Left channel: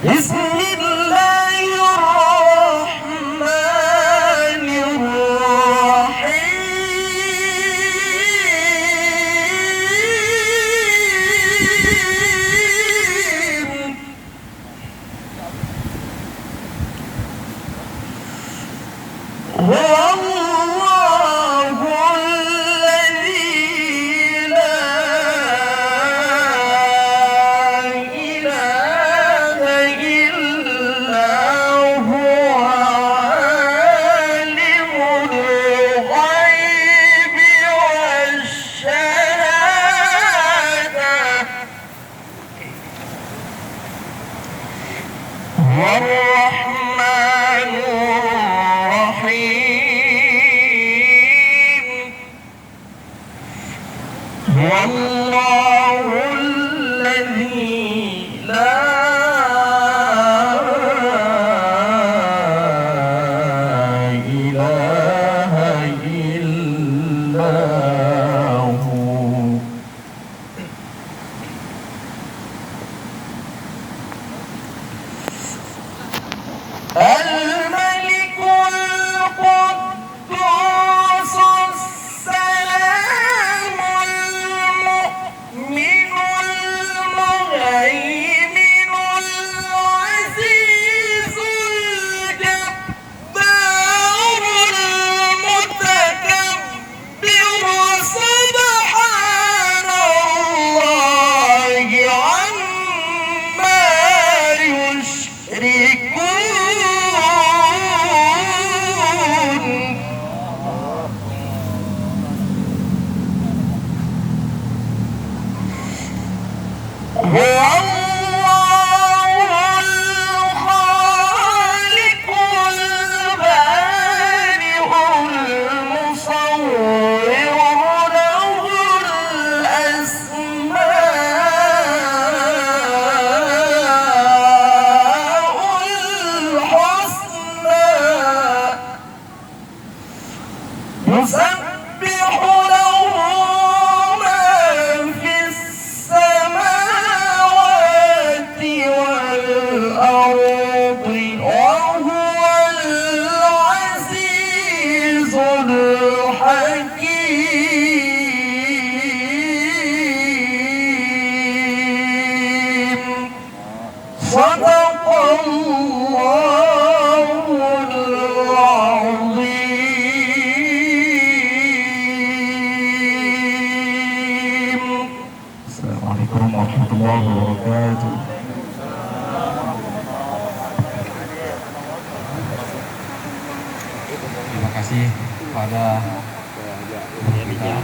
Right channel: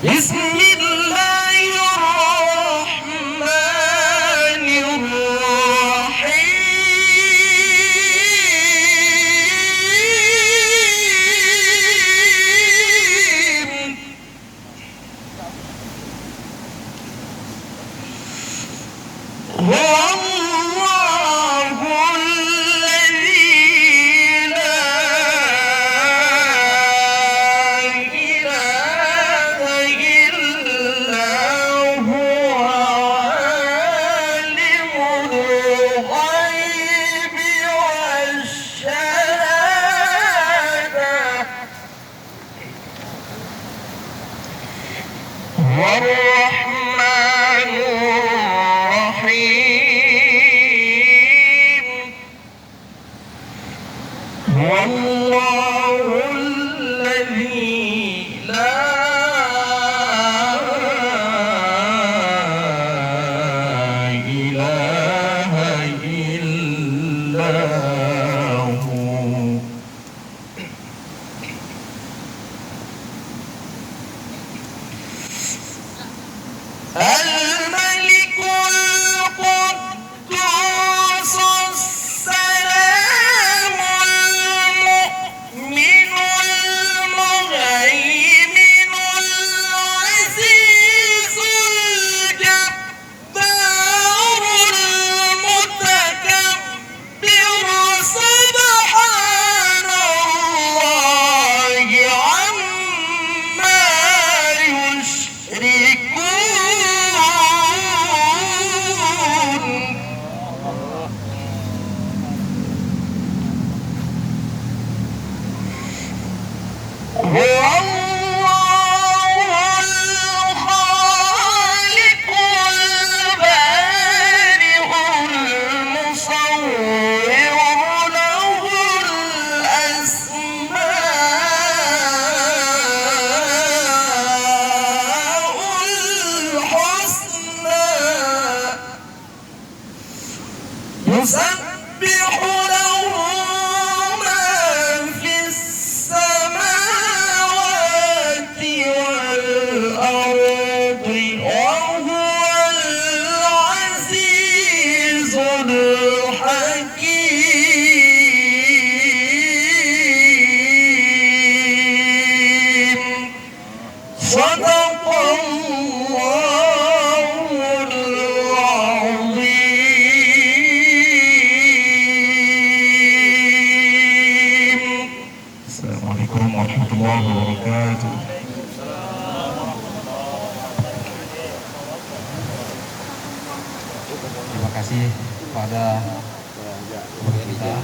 بسم الله الرحمن الرحيم هو الله الذي لا إله إلا هو عالم الغيب والشهادة هو الرحمن الرحيم هو الله الذي لا إله إلا هو الملك القدوس السلام المؤمن المهيمن العزيز الجبار المتكبر سبحان الله عما يشركون هو الله الخالق البارئ المصور له الأسماء الحسنى يسبح له ما في السماوات والأرض وهو العزيز الحكيم صدق الله العظيم. السلام عليكم ورحمة الله وبركاته. Terima kasih kepada guru kita.